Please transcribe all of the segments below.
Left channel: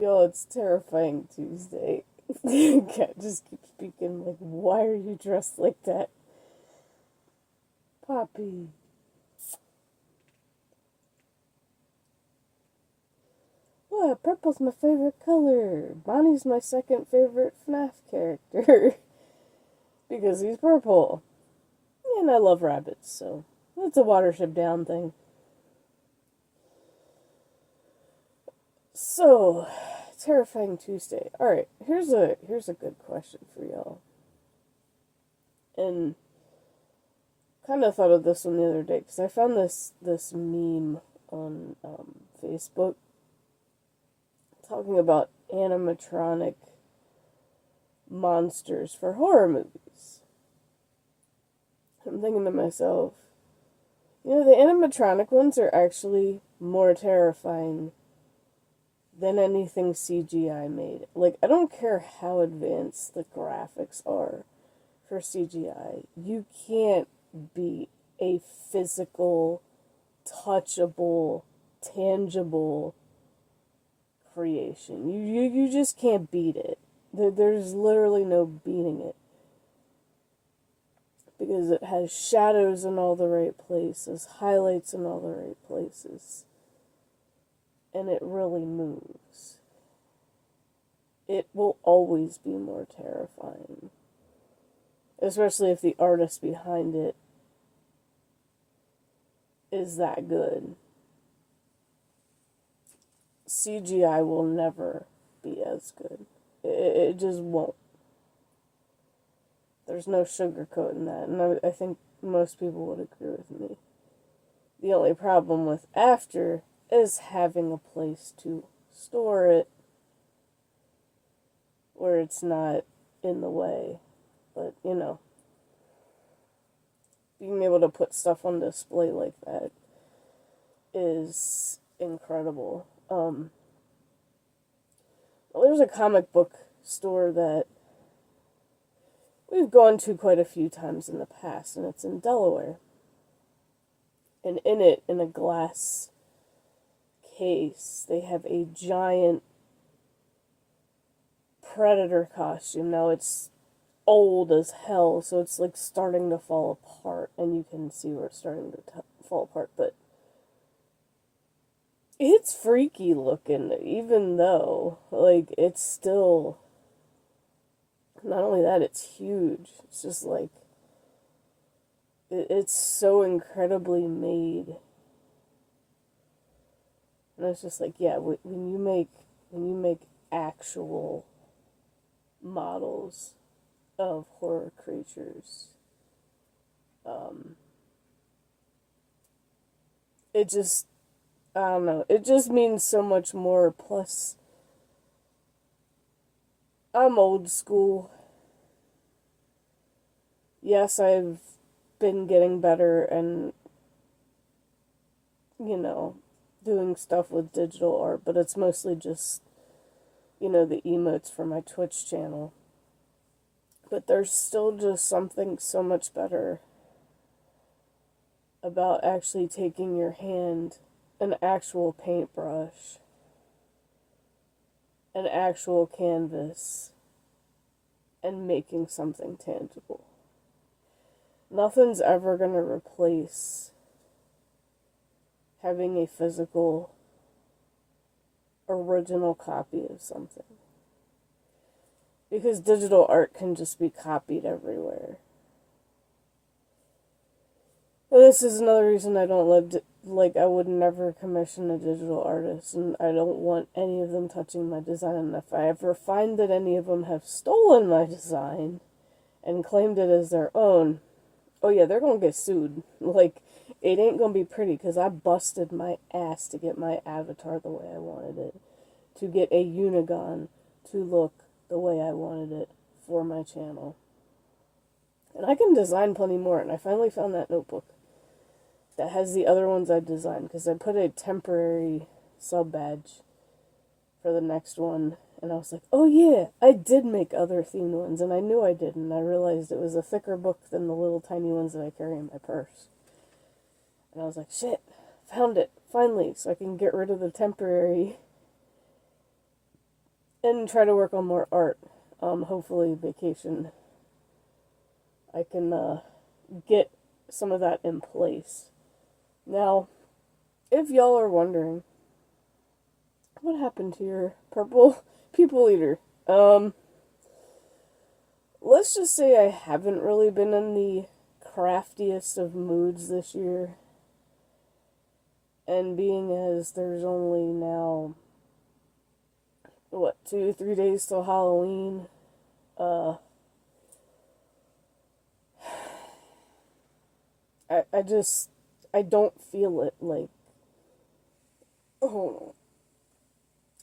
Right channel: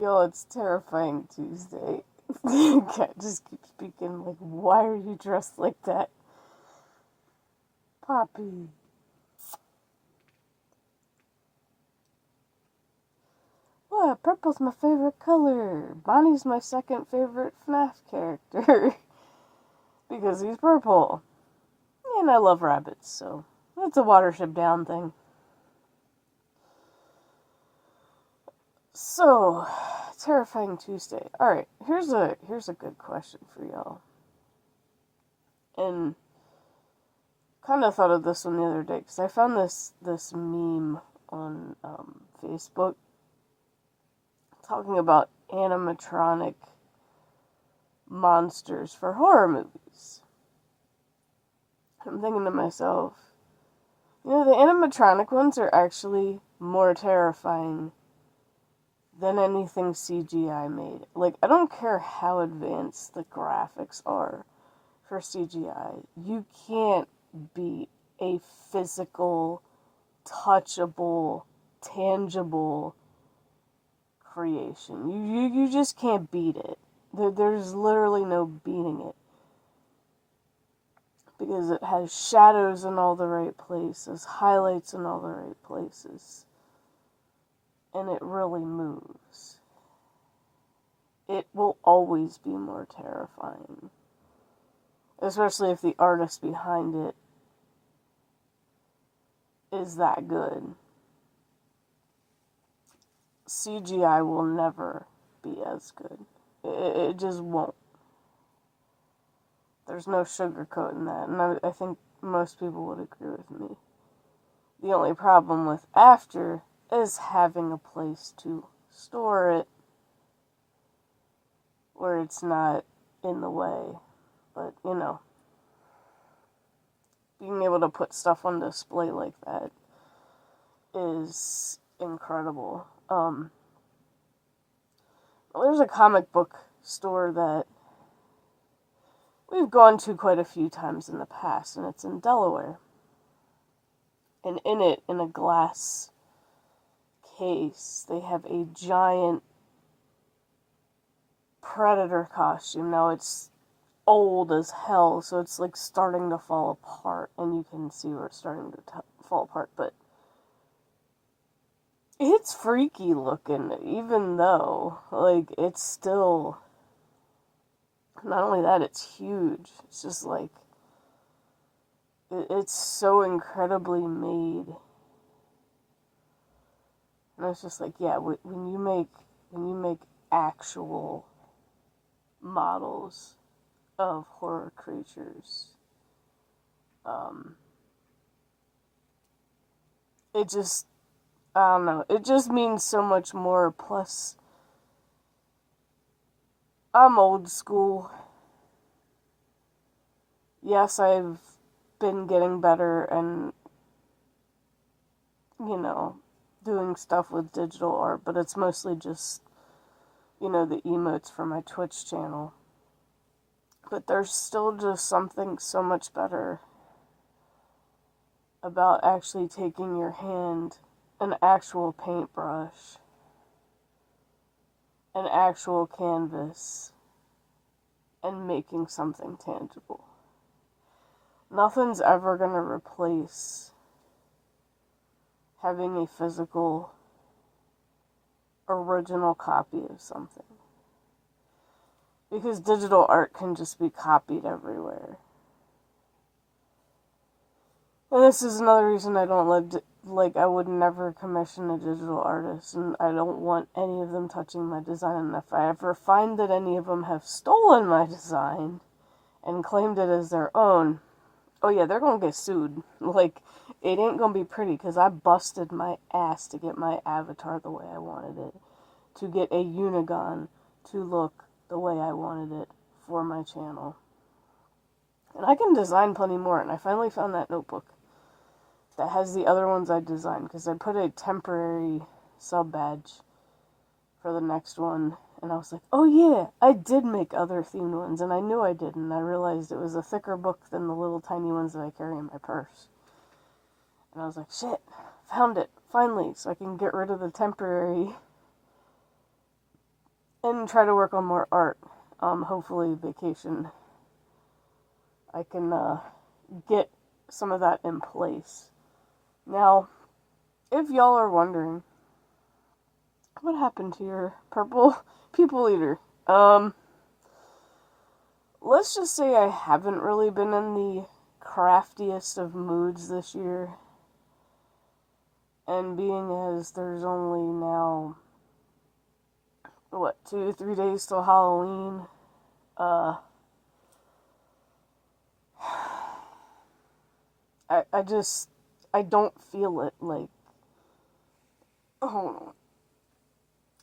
Yo, it's terrifying Tuesday. Cat just keeps speaking like, why are you dressed like that? Poppy. What? Purple's my favorite color. Bonnie's my second favorite FNAF character. Because he's purple. And I love rabbits, so it's a Watership Down thing. So, terrifying Tuesday. Alright, here's a good question for y'all. And kind of thought of this one the other day, because I found this meme on Facebook talking about animatronic monsters for horror movies. I'm thinking to myself, the animatronic ones are actually more terrifying than anything CGI made. Like, I don't care how advanced the graphics are for CGI. You can't beat a physical, touchable, tangible creation. You just can't beat it. There's literally no beating it. Because it has shadows in all the right places, highlights in all the right places. And it really moves. It will always be more terrifying. Especially if the artist behind it is that good. CGI will never be as good. It just won't. There's no sugarcoating that, and I think most people would agree with me. The only problem with after is having a place to store it where it's not in the way. But, being able to put stuff on display like that is incredible. There's a comic book store that we've gone to quite a few times in the past, and it's in Delaware. And in it, in a glass case, they have a giant Predator costume. Now, it's old as hell, so it's like starting to fall apart, and you can see where it's starting to fall apart, but it's freaky looking, even though, like, it's still, not only that, it's huge. It's just like, it's so incredibly made. And it's just like, yeah, when you make actual models of horror creatures, it just, I don't know, it just means so much more. Plus, I'm old school. Yes, I've been getting better and, doing stuff with digital art, but it's mostly just, the emotes for my Twitch channel. But there's still just something so much better about actually taking your hand, an actual paintbrush, an actual canvas, and making something tangible. Nothing's ever going to replace having a physical, original copy of something. Because digital art can just be copied everywhere. And this is another reason I don't I would never commission a digital artist, and I don't want any of them touching my design. And if I ever find that any of them have stolen my design and claimed it as their own, oh yeah, they're gonna get sued. Like, it ain't gonna be pretty, because I busted my ass to get my avatar the way I wanted it. To get a Unigon to look the way I wanted it for my channel. And I can design plenty more, and I finally found that notebook that has the other ones I designed, because I put a temporary sub badge for the next one, and I was like, oh yeah, I did make other themed ones, and I knew I did, and I realized it was a thicker book than the little tiny ones that I carry in my purse. And I was like, shit, found it, finally, so I can get rid of the temporary and try to work on more art. Hopefully vacation, I can get some of that in place. Now, if y'all are wondering, what happened to your purple people eater? Let's just say I haven't really been in the craftiest of moods this year. And being as there's only now, 2-3 days till Halloween, I don't feel it, like, hold on.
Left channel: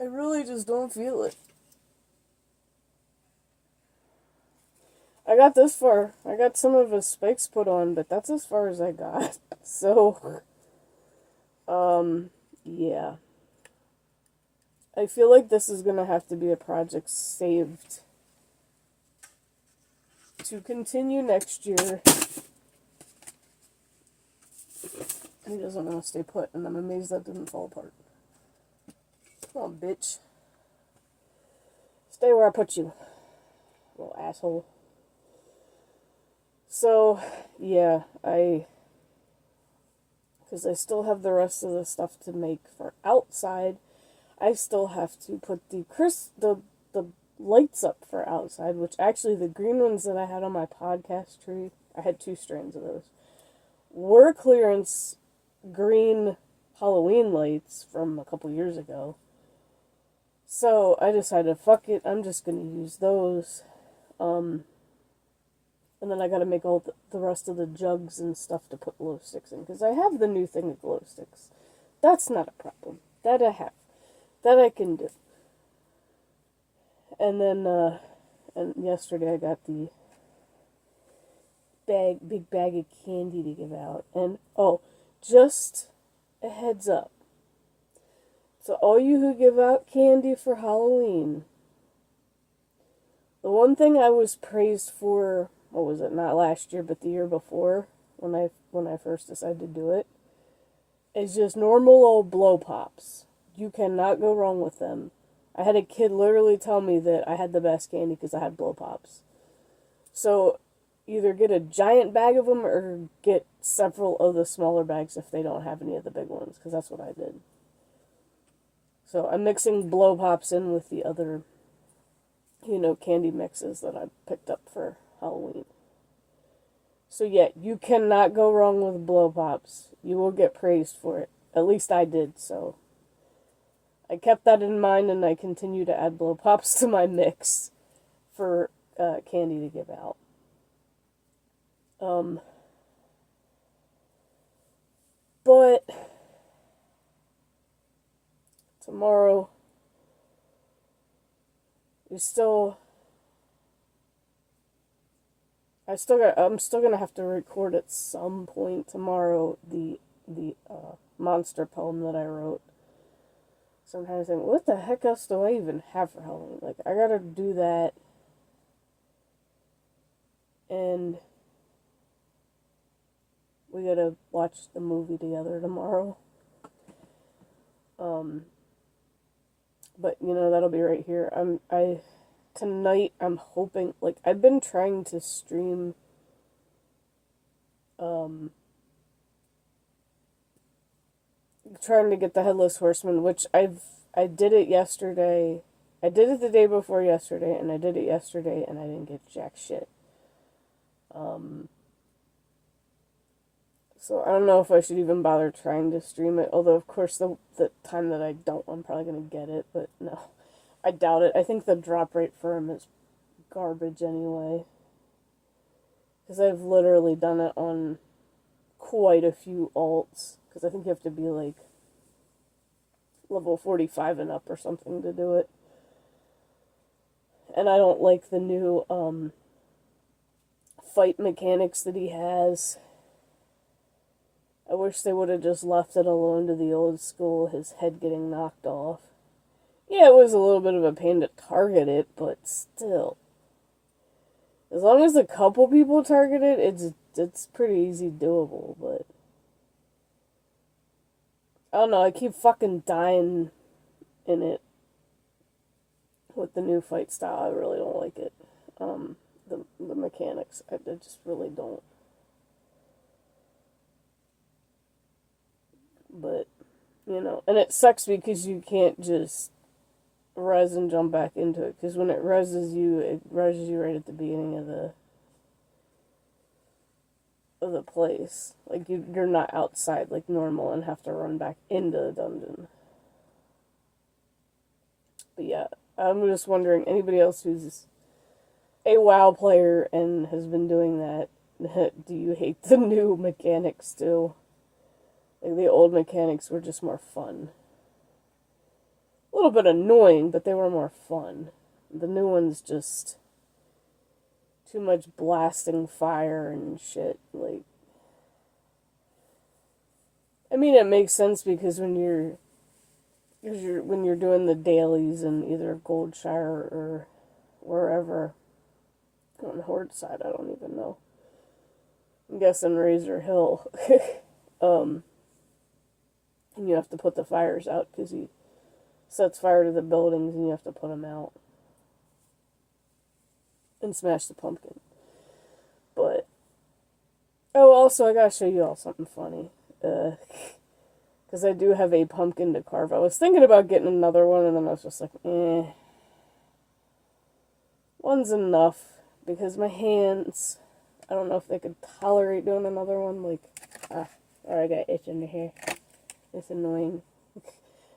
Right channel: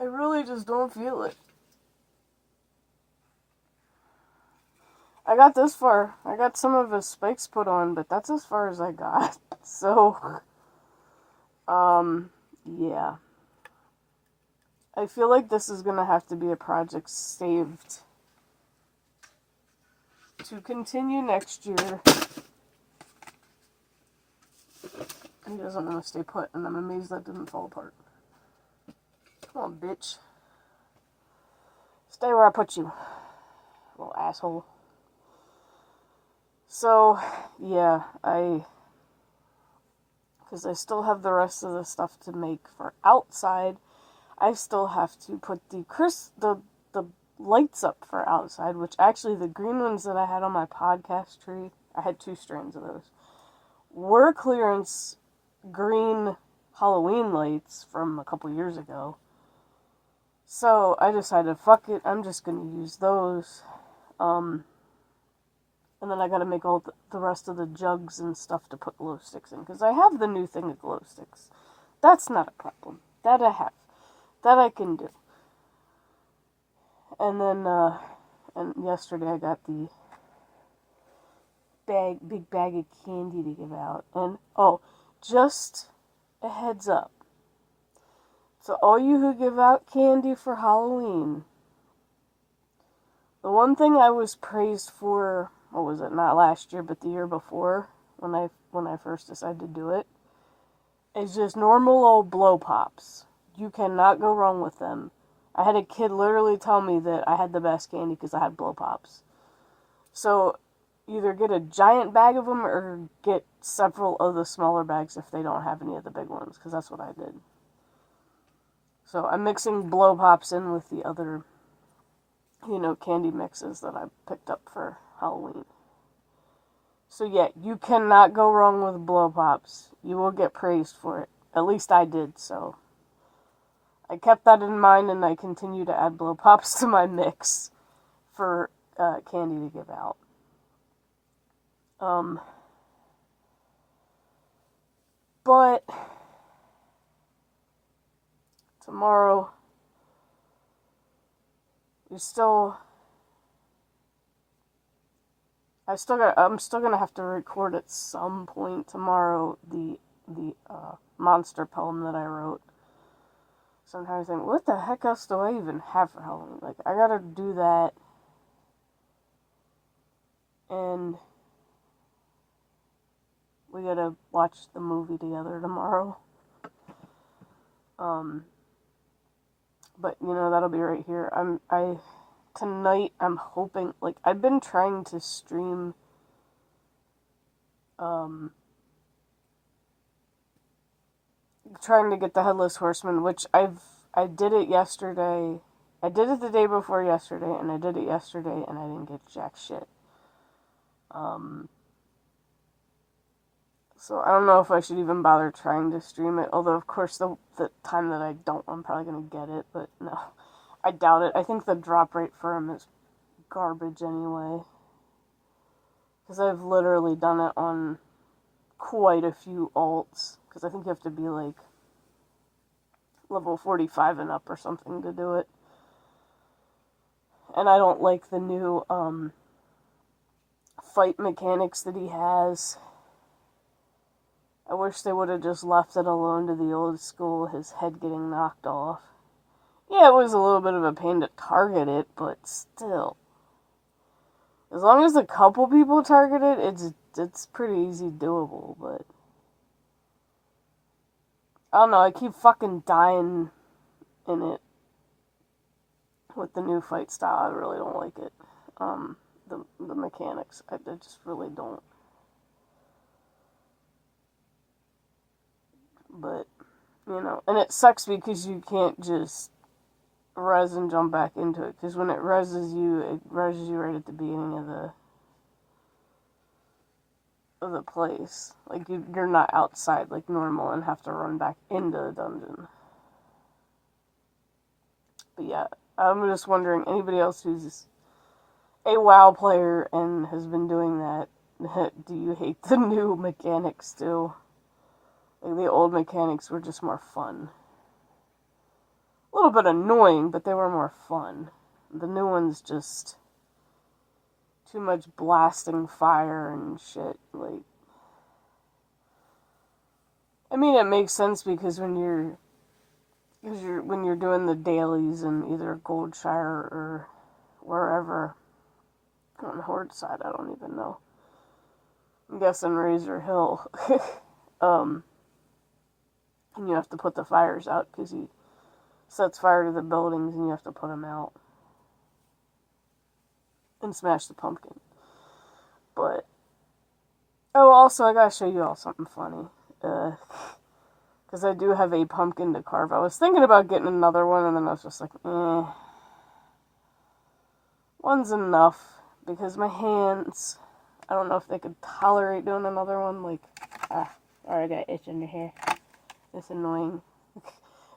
I really just don't feel it. I got this far. I got some of his spikes put on, but that's as far as I got. So, yeah. I feel like this is gonna have to be a project saved to continue next year. He doesn't want to stay put, and I'm amazed that didn't fall apart. Come on, bitch. Stay where I put you, little asshole. So, yeah, because I still have the rest of the stuff to make for outside. I still have to put the lights up for outside, which actually the green ones that I had on my podcast tree, I had 2 strands of those, were clearance green Halloween lights from a couple years ago. So I decided, fuck it, I'm just gonna use those. And then I gotta make all the rest of the jugs and stuff to put glow sticks in, because I have the new thing of glow sticks. That's not a problem. That I have. That I can do. And then, and yesterday I got the big bag of candy to give out. And, just a heads up. So all you who give out candy for Halloween, the one thing I was praised for, what was it, not last year, but the year before, when I first decided to do it, is just normal old blow pops. You cannot go wrong with them. I had a kid literally tell me that I had the best candy because I had blow pops. So, either get a giant bag of them or get several of the smaller bags if they don't have any of the big ones, because that's what I did. So, I'm mixing blow pops in with the other, candy mixes that I picked up for Halloween. So yeah, you cannot go wrong with blow pops. You will get praised for it. At least I did, so I kept that in mind, and I continue to add blow pops to my mix for candy to give out. But tomorrow, I'm still gonna have to record at some point tomorrow the monster poem that I wrote. So I'm trying to think, what the heck else do I even have for Halloween? Like, I gotta do that. And we gotta watch the movie together tomorrow. But, that'll be right here. Tonight, I'm hoping, like, I've been trying to stream, trying to get the Headless Horseman, which I did it yesterday. I did it the day before yesterday, and I did it yesterday, and I didn't get jack shit. So I don't know if I should even bother trying to stream it, although, of course, the time that I don't, I'm probably going to get it, but no. I doubt it. I think the drop rate for him is garbage anyway. Because I've literally done it on quite a few alts. Because I think you have to be like level 45 and up or something to do it. And I don't like the new fight mechanics that he has. I wish they would have just left it alone to the old school, his head getting knocked off. Yeah, it was a little bit of a pain to target it, but still. As long as a couple people target it, it's pretty easy doable, but I don't know, I keep fucking dying in it. with the new fight style. I really don't like it. The mechanics, I just really don't. But, you know, and it sucks because you can't just res and jump back into it, because when it reses you right at the beginning of the place. Like, you're not outside like normal and have to run back into the dungeon. But yeah, I'm just wondering, anybody else who's a WoW player and has been doing that, do you hate the new mechanics too? Like, the old mechanics were just more fun. A little bit annoying, but they were more fun. The new ones just too much blasting fire and shit. Like, I mean, it makes sense because when you're doing the dailies in either Goldshire or wherever on the Horde side, I don't even know. I'm guessing Razor Hill. And you have to put the fires out because he sets fire to the buildings and you have to put them out and smash the pumpkin. But oh, also I gotta show you all something funny. Because I do have a pumpkin to carve. I was thinking about getting another one, and then I was just like, one's enough. Because my hands, I don't know if they could tolerate doing another one. Like, I got itch under here. It's annoying.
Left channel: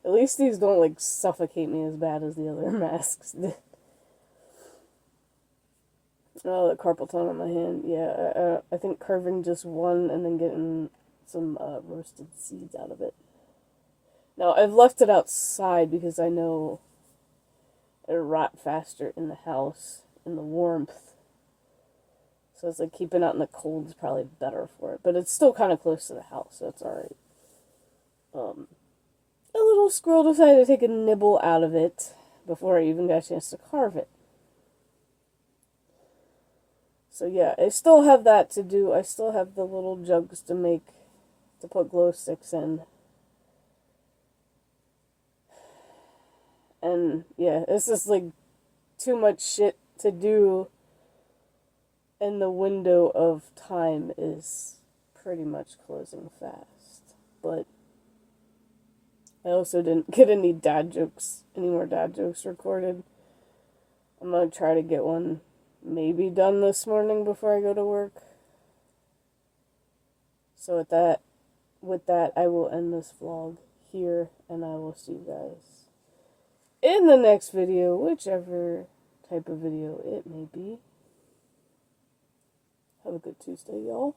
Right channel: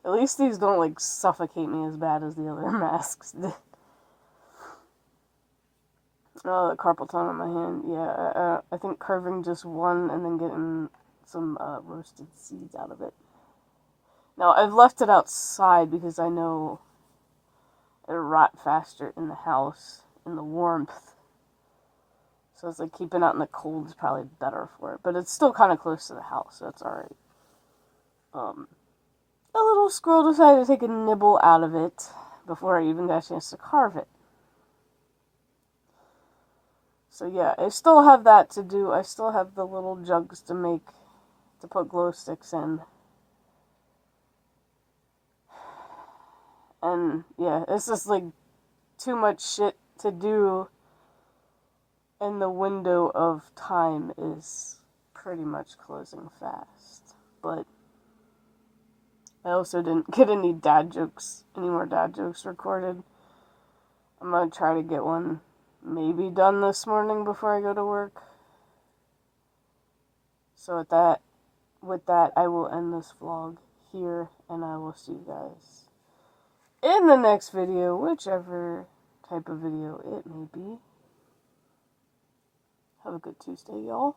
At least these don't, like, suffocate me as bad as the other masks did. Oh, the carpal tunnel on my hand. Yeah, I think carving just one and then getting some roasted seeds out of it. Now, I've left it outside because I know it'll rot faster in the house, in the warmth. So it's like keeping it out in the cold is probably better for it. But it's still kind of close to the house, so it's alright. A little squirrel decided to take a nibble out of it before I even got a chance to carve it. So yeah, I still have that to do. I still have the little jugs to put glow sticks in. And yeah, it's just like too much shit to do, and the window of time is pretty much closing fast. But I also didn't get any more dad jokes recorded. I'm gonna try to get one maybe done this morning before I go to work. So with that, I will end this vlog here, and I will see you guys in the next video, whichever type of video it may be. Have a good Tuesday, y'all.